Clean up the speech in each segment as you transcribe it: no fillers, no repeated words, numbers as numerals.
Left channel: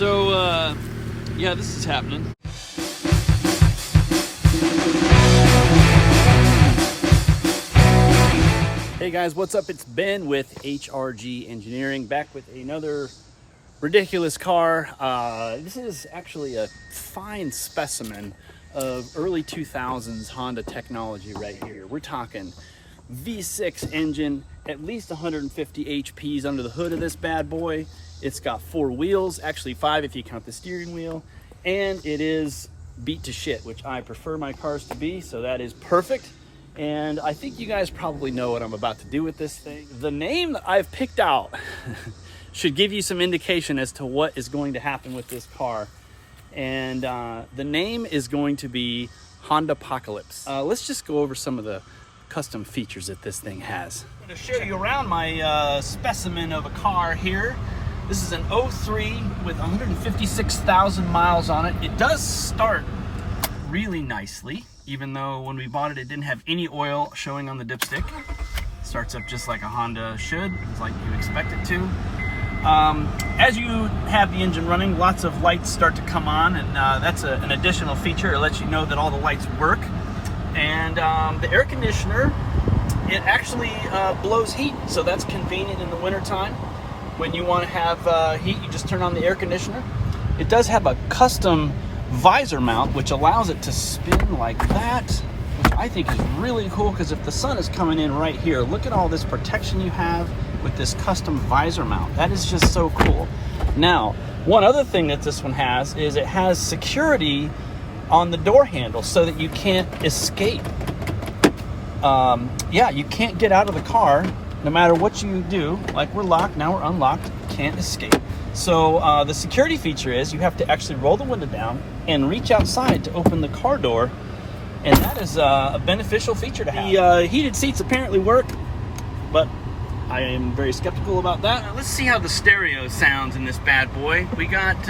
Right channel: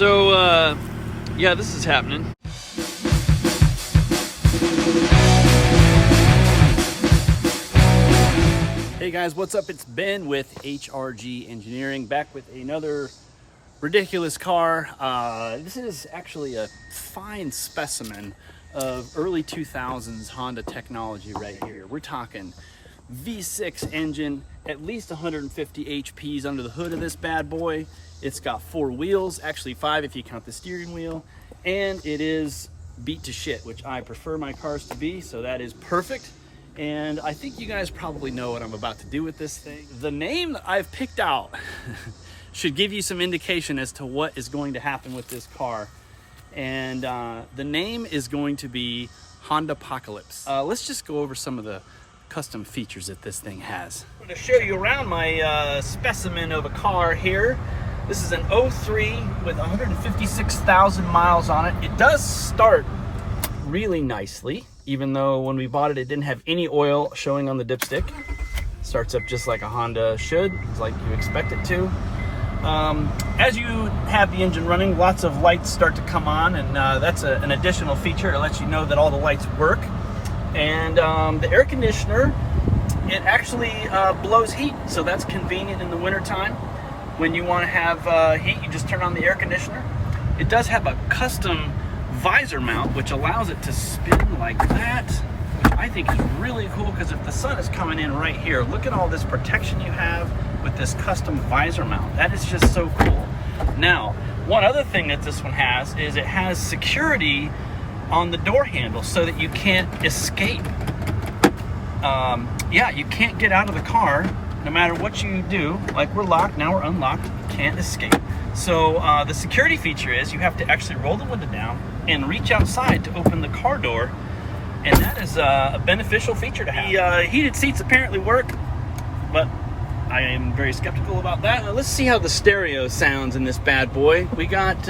So, yeah, this is happening. Hey guys, what's up? It's Ben with HRG Engineering, back with another ridiculous car. This is actually a fine specimen of early 2000s Honda technology right here. We're talking V6 engine, at least 150 HPs under the hood of this bad boy. It's got 4 wheels, actually 5 if you count the steering wheel, and it is beat to shit, which I prefer my cars to be, so that is perfect. And I think you guys probably know what I'm about to do with this thing. The name that I've picked out should give you some indication as to what is going to happen with this car. And the name is going to be Hondapocalypse. Let's just go over some of the custom features that this thing has. I'm going to show you around my specimen of a car here. This is an 03 with 156,000 miles on it. It does start really nicely, even though when we bought it, it didn't have any oil showing on the dipstick. It starts up just like a Honda should, it's like you expect it to. As you have the engine running, lots of lights start to come on, and that's an additional feature. It lets you know that all the lights work. And the air conditioner, it actually blows heat, so that's convenient in the wintertime. When you want to have heat, you just turn on the air conditioner. It does have a custom visor mount, which allows it to spin like that, which I think is really cool, because if the sun is coming in right here, look at all this protection you have with this custom visor mount. That is just so cool. Now, one other thing that this one has is it has security on the door handle so that you can't escape. Yeah, you can't get out of the car no matter what you do. Like, we're locked, now we're unlocked, can't escape. So the security feature is you have to actually roll the window down and reach outside to open the car door, and that is a beneficial feature to have. The heated seats apparently work, but I am very skeptical about that. Now, let's see how the stereo sounds in this bad boy. We got,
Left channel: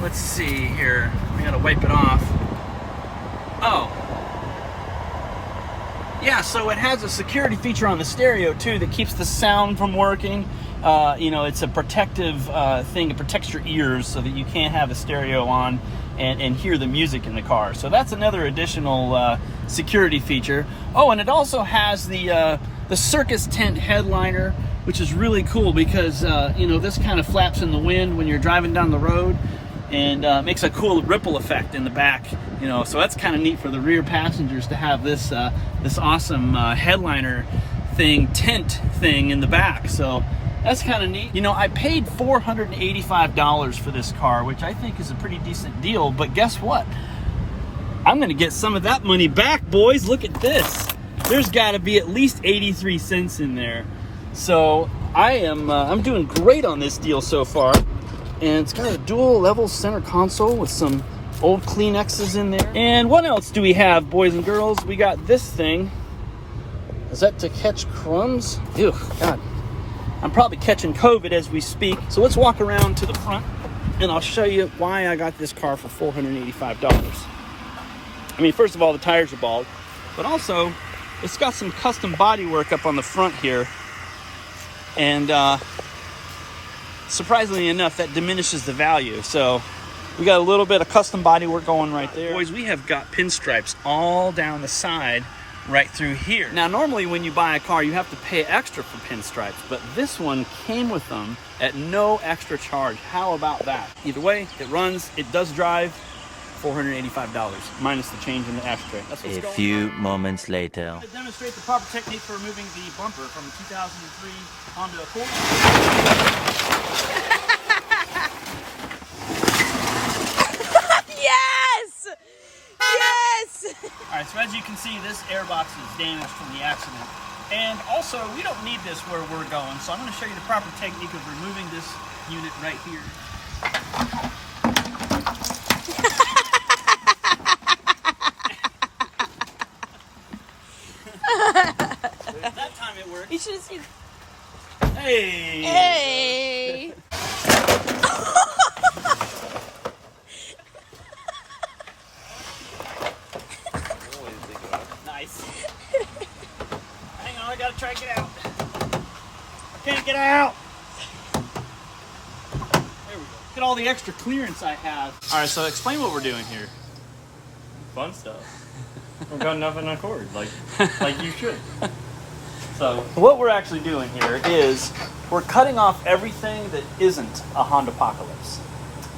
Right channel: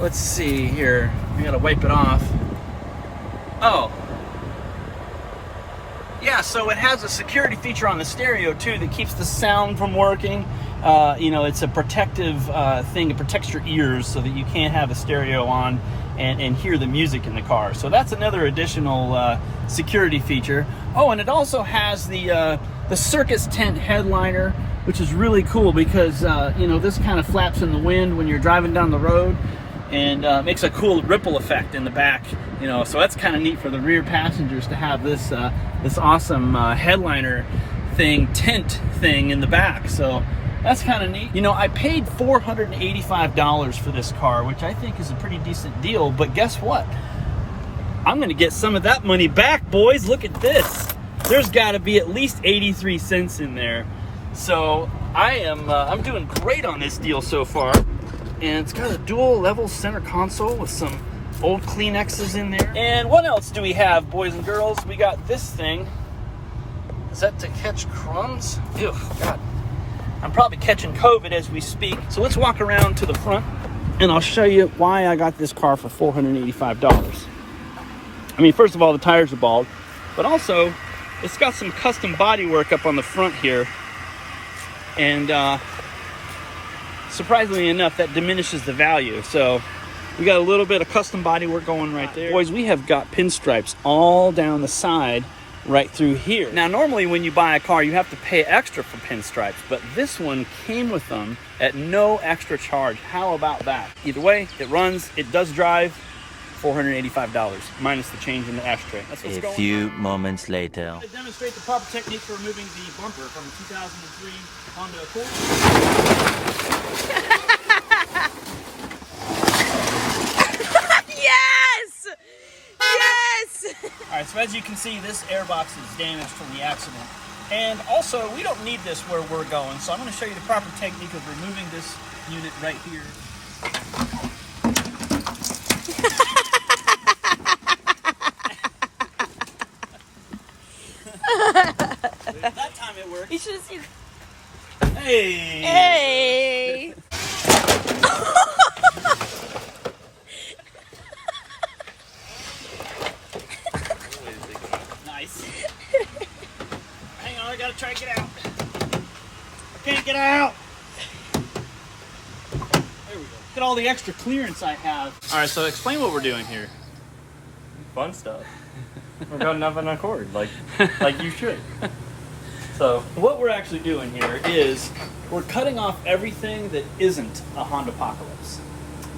let's see here, we gotta wipe it off. Oh. Yeah, so it has a security feature on the stereo too that keeps the sound from working. You know, it's a protective thing. It protects your ears so that you can't have a stereo on and hear the music in the car. So that's another additional security feature. Oh, and it also has the circus tent headliner, which is really cool because, you know, this kind of flaps in the wind when you're driving down the road, and makes a cool ripple effect in the back, you know, so that's kind of neat for the rear passengers to have this this awesome headliner thing, tent thing in the back. So that's kind of neat. You know, I paid $485 for this car, which I think is a pretty decent deal, but guess what? I'm gonna get some of that money back, boys. Look at this. There's gotta be at least 83 cents in there. So I'm doing great on this deal so far. And it's got a dual level center console with some old Kleenexes in there. And what else do we have, boys and girls? We got this thing. Is that to catch crumbs? Ew, God. I'm probably catching COVID as we speak. So let's walk around to the front and I'll show you why I got this car for $485. I mean, first of all, the tires are bald, but also it's got some custom body work up on the front here. And surprisingly enough, that diminishes the value. So we got a little bit of custom body work going right there. Boys, we have got pinstripes all down the side right through here. Now, normally when you buy a car, you have to pay extra for pinstripes, but this one came with them at no extra charge. How about that? Either way, it runs, it does drive. $485 minus the change in the ashtray. A few moments later. I'm going to demonstrate the proper technique for removing the bumper from the 2003 Honda Accord. Yes! Yes! Alright, so as you can see, this airbox is damaged from the accident. And also, we don't need this where we're going, so I'm going to show you the proper technique of removing this unit right here. That time it worked. You should have seen. Hey! Hey! Nice. Hang on, I gotta try to get out. I can't get out. There we go. Look at all the extra clearance I have. All right, so explain what we're doing here. Fun stuff. We're cutting up an Accord, like you should. So what we're actually doing here is we're cutting off everything that isn't a Hondapocalypse.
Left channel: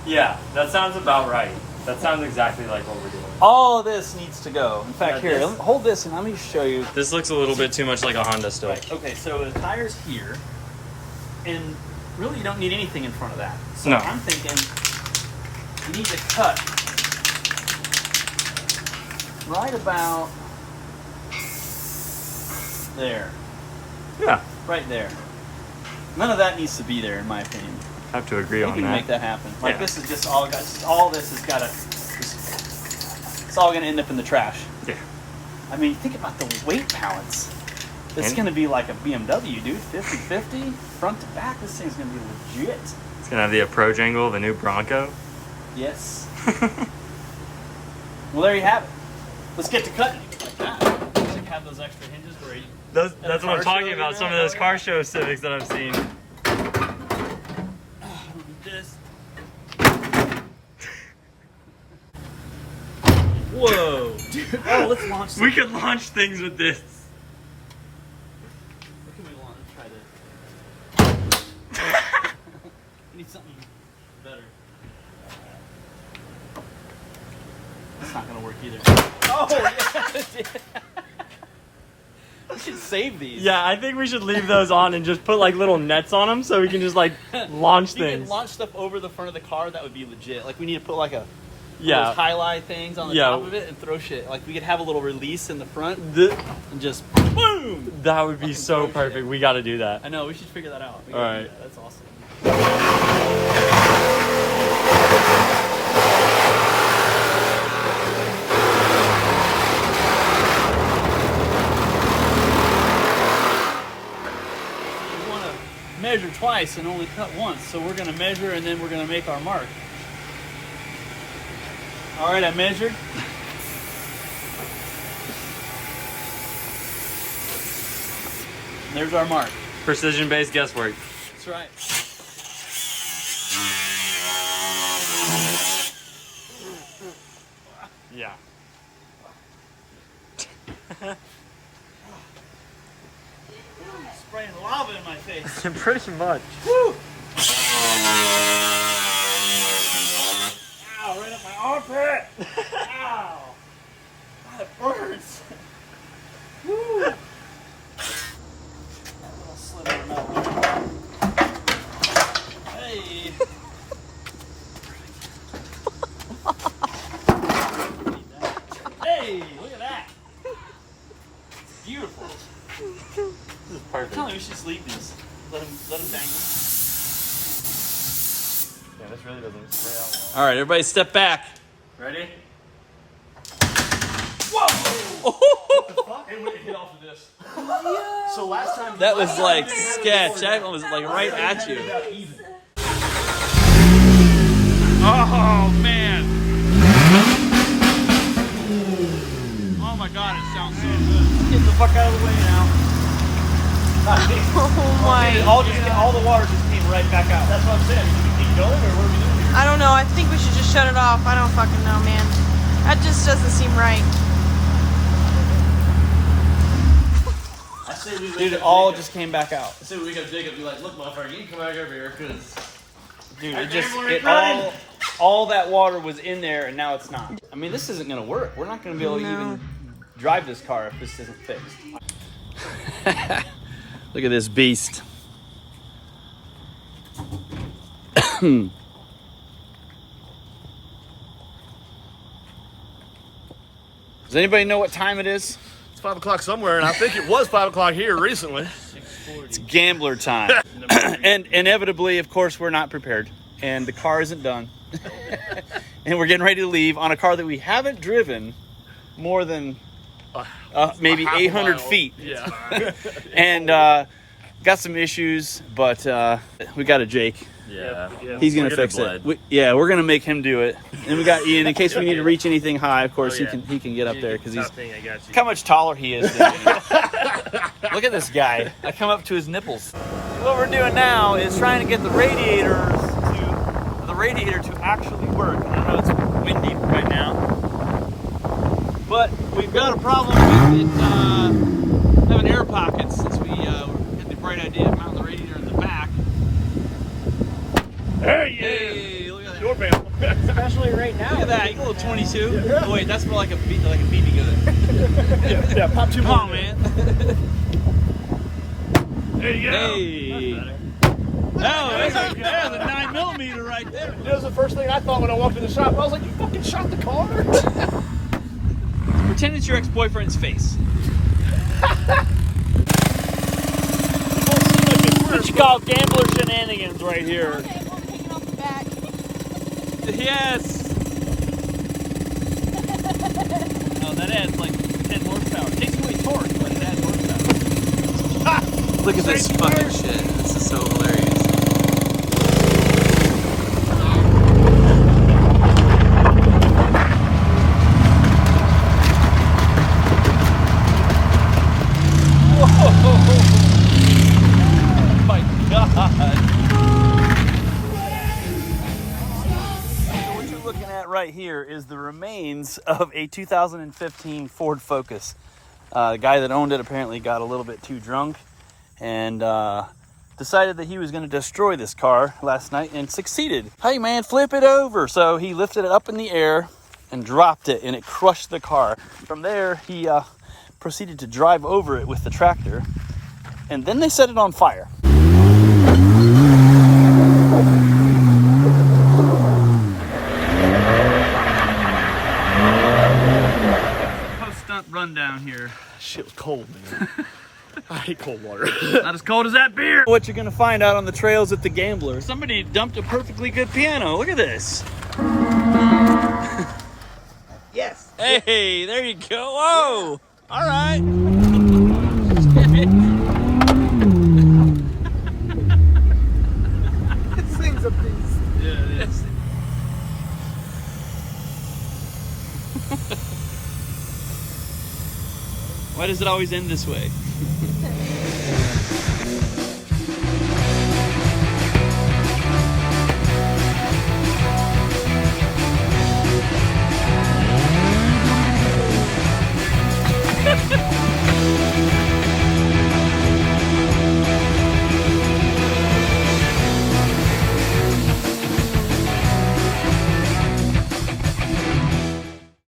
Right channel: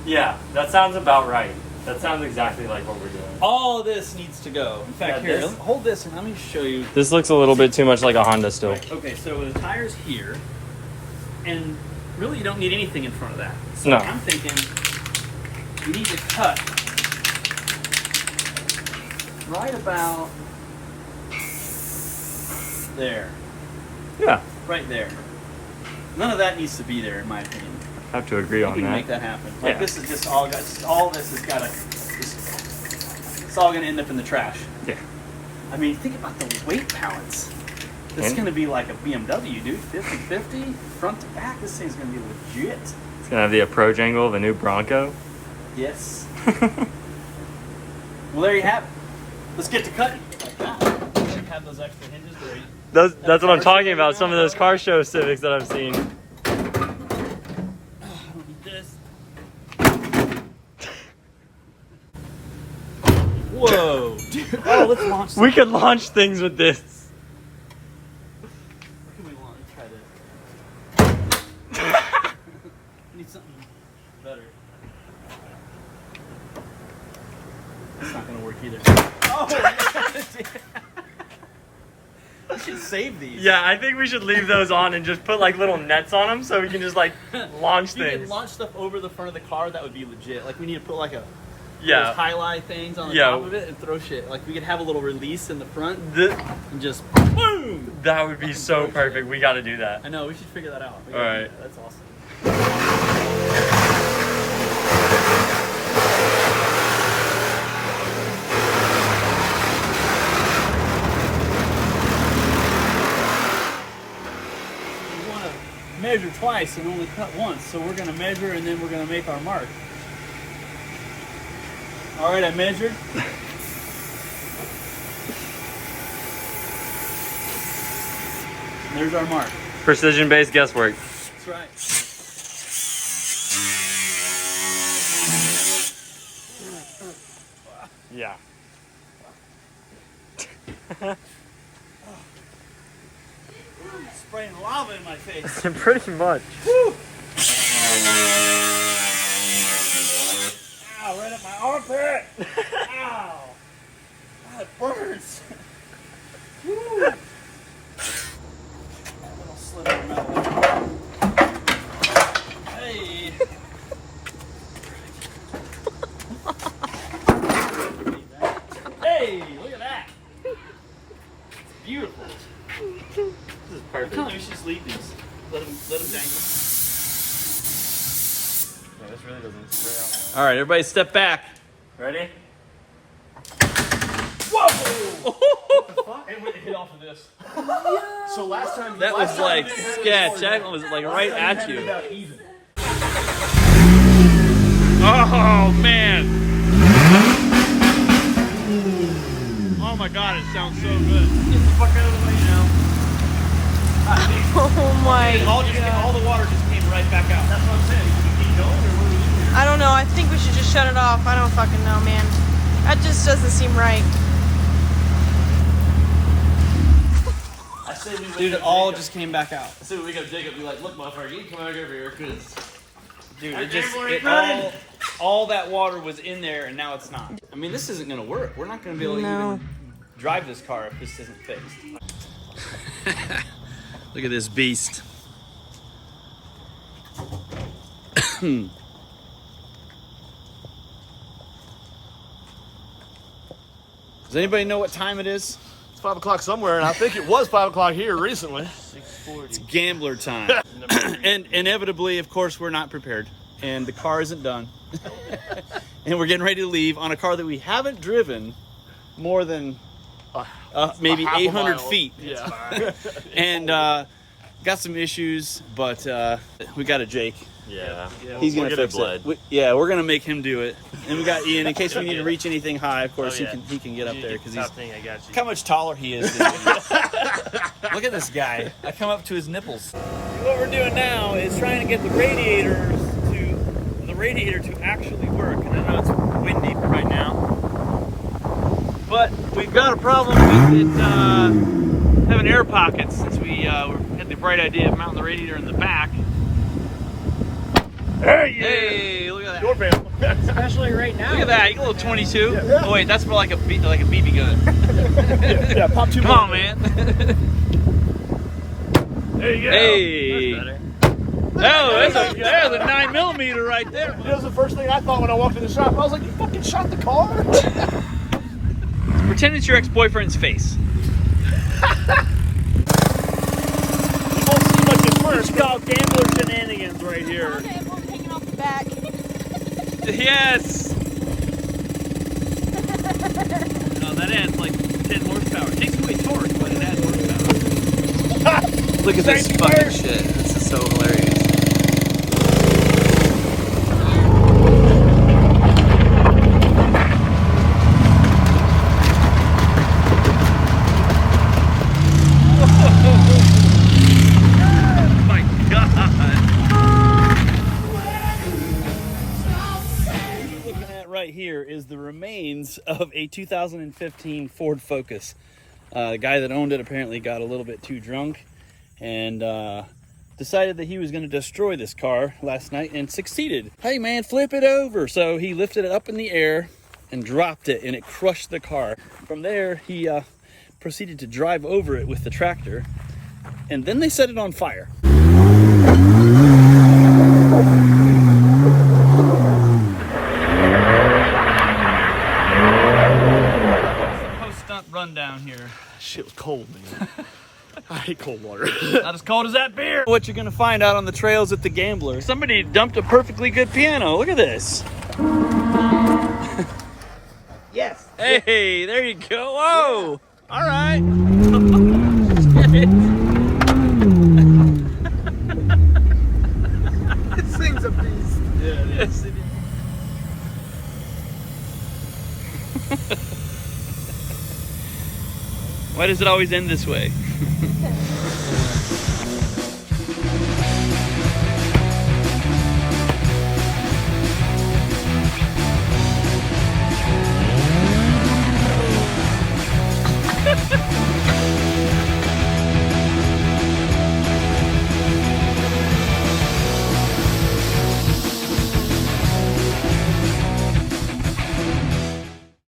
Yeah, that sounds about right. That sounds exactly like what we're doing. All of this needs to go. In fact, Yeah, here, hold this and let me show you. This looks a little bit too much like a Honda still. Okay, so the tire's here, and really you don't need anything in front of that. So No. I'm thinking we need to cut right about there. Yeah, Right there. None of that needs to be there, in my opinion. I have to agree We on can that. make that happen. Like Yeah. this is just all this has got to. It's all going to end up in the trash. Yeah. I mean, think about the weight balance. It's And- going to be like a BMW, dude. 50-50, front to back. This thing's going to be legit. It's gonna have the approach angle of the new Bronco. Yes. Well, there you have it. Let's get to cutting like that. Have those extra hinges ready. That's what I'm car talking show about. now? Some of those car show Civics that I've seen. This. Whoa, dude. Oh, let's launch. We could launch things with this. What can we launch? Try to. Need something better. It's not gonna work either. Oh, yeah. We should save these. Yeah, I think we should leave those on and just put like little nets on them so we can just like launch You can things. launch stuff over the front of the car. That would be legit. Like we need to put like a those Yeah. highlight things on the Yeah. top of it and throw shit. Like we could have a little release in the front and just boom. That would be so throw perfect. shit. We got to do that. I know. We should figure that out. We All gotta do right. that. That's awesome. We want to measure twice and only cut once, so we're going to measure and then we're going to make our mark. All right, I measured. There's our mark. Precision-based guesswork. That's right. Yeah. Spraying lava in my face. Pretty much. Woo! Ow, right up my armpit. Ow. That burns. Woo. That little slit of metal. Hey. Hey, look at that. It's beautiful. This is perfect. Come on, we should just leave these. Let them dangle. Yeah, this really doesn't spray out All right, everybody step back. well. Ready? Whoa! And we hit off of this. So last time That was like sketch. That was like right at you. Oh, man. Oh my God, it sounds so good. get the fuck out of the way now. Oh my All god. the water just came right back out. That's what I'm saying. Should we keep going or what are we doing? I don't know. I think we should just shut it off. I don't fucking know, man. That just doesn't seem right. Dude, it all just came back out. So we got Jacob be like, look, motherfucker, you can come back over here because Dude, That it just gambler ain't it running. all that water was in there and now it's not. I mean, this isn't gonna work. We're not gonna be able to No. even drive this car if this isn't fixed. Look at this beast. Does anybody know what time it is? it's 5 o'clock somewhere, and I think it was 5 o'clock here recently. It's gambler time. And inevitably, of course, we're not prepared. And the car isn't done. And we're getting ready to leave on a car that we haven't driven more than maybe half a 800 mile. feet. Yeah. And got some issues, but we got a Jake. Yeah. He's gonna We'll get it fix bled. it. We're gonna make him do it. And we got Ian in case we need to reach anything high. Of course, Oh, he can get up there because he's. thing, I got you. Look how much taller he is than me. Look at this guy. I come up to his nipples. What we're doing now is trying to get the radiators to radiator to actually work. I know it's windy right now, but we've got a problem with having air pockets since we had the bright idea of mounting the radiator in the back. Hey, look at that. Especially right now. Look at that. You got a little 22. Oh wait, that's more like a BB gun. Yeah, pop 2. Come on, man. There you go. Hey. Oh, there's a 9mm right there. That was the first thing I thought when I walked in the shop. I was like, you fucking shot the car? Pretend it's your ex-boyfriend's face. What you call gambler shenanigans right here. Hanging on the back. Yes. Oh, that adds like 10 horsepower. Takes away torque, but it adds horsepower. Look at this fucking shit. This is so hilarious. Right here is the remains of a 2015 Ford Focus. The guy that owned it apparently got a little bit too drunk and decided that he was going to destroy this car last night and succeeded. Hey man, flip it over. So he lifted it up in the air and dropped it and it crushed the car. From there, he proceeded to drive over it with the tractor and then they set it on fire. Rundown here. Shit was cold, man. I hate cold water. Not as cold as that beer. What you're gonna find out on the trails at the Gambler. Somebody dumped a perfectly good piano. Look at this. Yes. Hey, there you go. Whoa. All right. This thing's a beast. Yeah, it is. Why does it always end this way?